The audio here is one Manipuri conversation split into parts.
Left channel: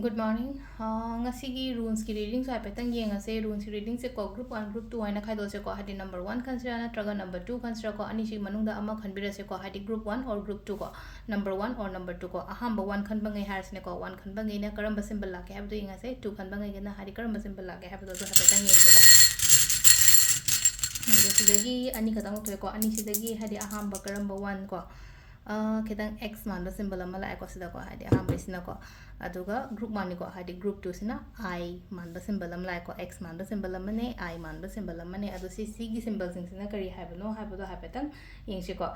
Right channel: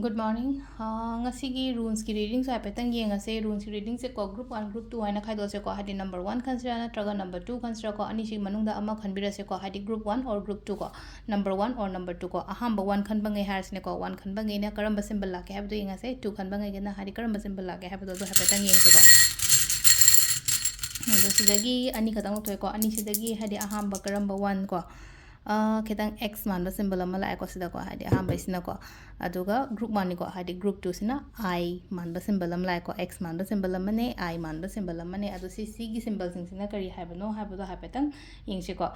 Good morning. Ngasigi rules ki reading sa petang ye ngase rules ki reading se ko group 1 group 2 aina khaido se ko hadi number 1 consider na traga number 2 consider ko ani si manungda ama khanbira se ko hadi group 1 or group 2 ko number 1 or number 2 ko ahamba 1 khan bangai har sine ko 1 khan bangai na karamba symbol la ke habdo ngase 2 khan bangai na hadi karamba symbol la ke habdo do ha petang ye se ko sidagi ani kadang to ko ani sidagi hadi ahamba karamba 1 ko kitang x man the symbol ama la ko sida ko hadi ahamba isina ko aduga group 1 ko hadi group 2 sina I man the symbol am la ko x man the symbol am ne I man the symbol am ne adu si gi symbol sing sina kari habno habdo hapetang ing si ko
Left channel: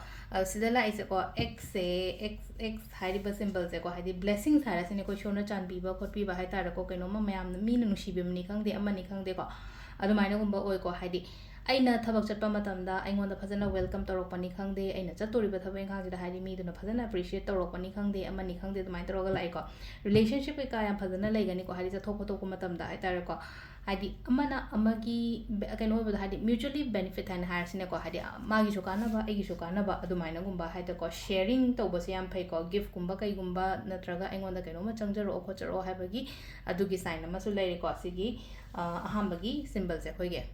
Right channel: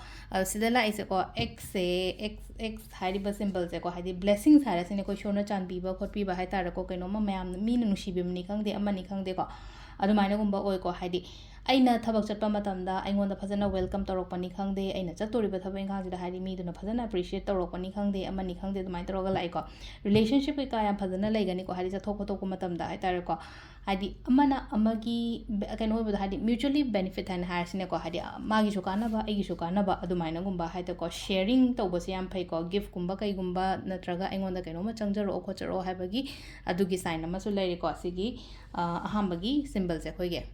sida la is ko x se x hadi ba symbol se ko hadi blessings hara sine ko shona chan bi ba khot bi ba hai tar ko keno ma mayam mi nu shi bi mni khang de amani khang de ko adu maina gumba oi ko hadi aina thabak chatpa matamda aingonda phajana welcome torokpani khangde aina chatoriba thabak inkhang hadi mi duna phajana appreciate torokpani khangde amani khangde dumai toroga lai ko relationship ka ya phajana laigani ko hadi chathok photok ko matamda hai tare ko hadi amana amagi keno hoba hadi mutually benefit han harsine ko hadi magi su kana ba agi su kana ba adumaina gumba hai ko sharing toba se yam phai ko gift gumba kai gumba natraga aingonda keno ma changjaro khocharo habagi adugi sign ama su lai ko sigi ahambagi symbol se khoige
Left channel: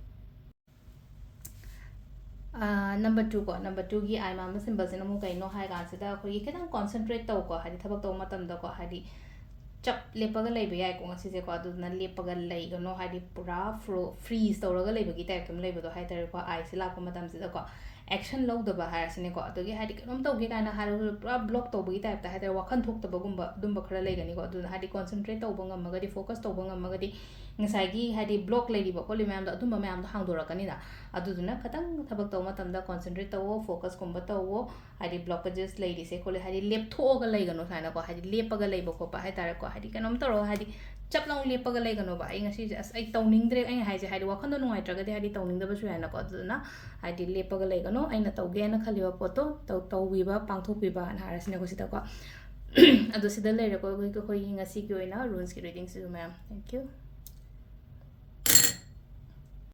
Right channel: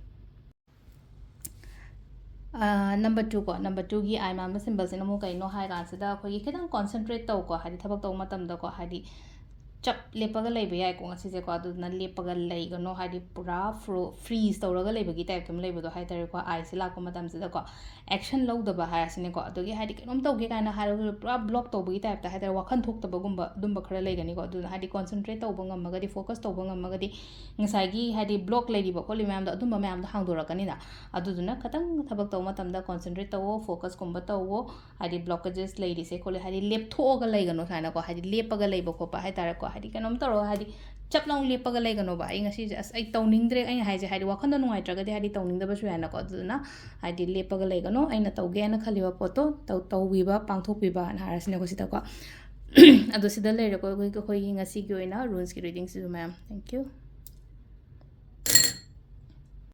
number 2 ko number 2 gi I ma symbol sin amu kai no hai ga sida khoi khitang concentrate taw ko hadi thabak taw matam da ko hadi chap lepaga laiba yai ko ngasi je ko adu na lepaga lai go no hadi pura freeze tawraga laiba gi type tum laiba do hai tar ko I sila ko matam sida ko action low da ba hai sine ko adu gi hadi kanom taw gi kana har pura block taw gi type ta hai tar wakhan thok ta ba gumba dum ba khara lai gani ko adu hadi concentrate taw ba ngam magadi focus taw ba ngam magadi ngasai gi hadi block lai di ba ko li mam da adum ba mam da hang do ra kani na adu duna khatang thabak taw matam da concentrate taw focus kumba taw hadi blockages lai di se ko hadi lep thoga lai gano kana ko hadi lepaga lai ba ko pa hai tar ko hadi kanom taro hadi chap long lepaga lai gano ba ai ngasi as ai tawning dre ai hai je hadi wakhanda nungai traga de hadi tawning da ba su yana ko aduna hadi lepaga lai gano aina tawge na khaliwa poto taw wi ba pangthok wi ba na harasine ko sita ko adu sida le ko ngasi ki oina rules ki reading si ma'am thank you